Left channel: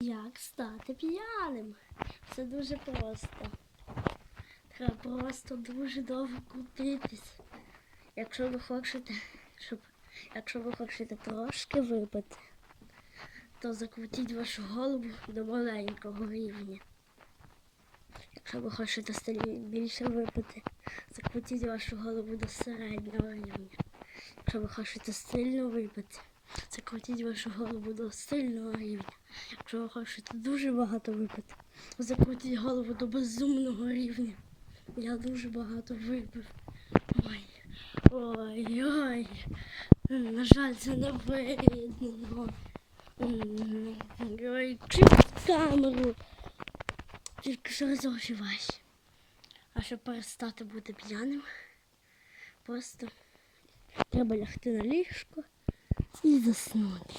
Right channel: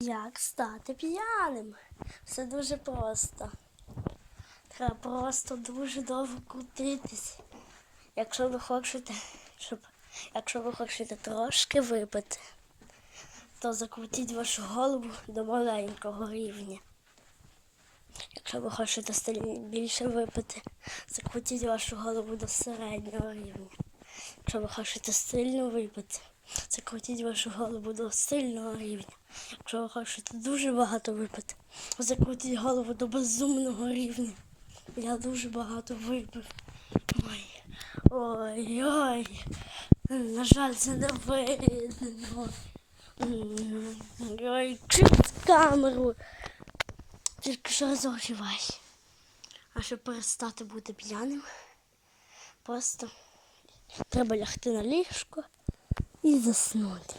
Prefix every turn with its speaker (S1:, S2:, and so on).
S1: Як стати п'яним? Все дуже просто. Треба просто дуже довго крутитись. Якщо ви хочете, щоб якщо ви хочете трошки випити, то закрутіть вашу голову до маленького рівня. Якщо ви хочете більше випити, закрутіть вашу голову до середнього рівня. Якщо ви хочете сильно випити, закрутіть вашу голову до сильного рівня. Якщо ви хочете дуже багато випити, закрутіть голову до безумного рівня. Я дуже багато випив. Ой, ой, ой. На жаль, це не видно. Ой, чуть камеру. Тільки що розогрівай. А щоб перестати бути п'яним, просто треба лягти на ліжко і заснути.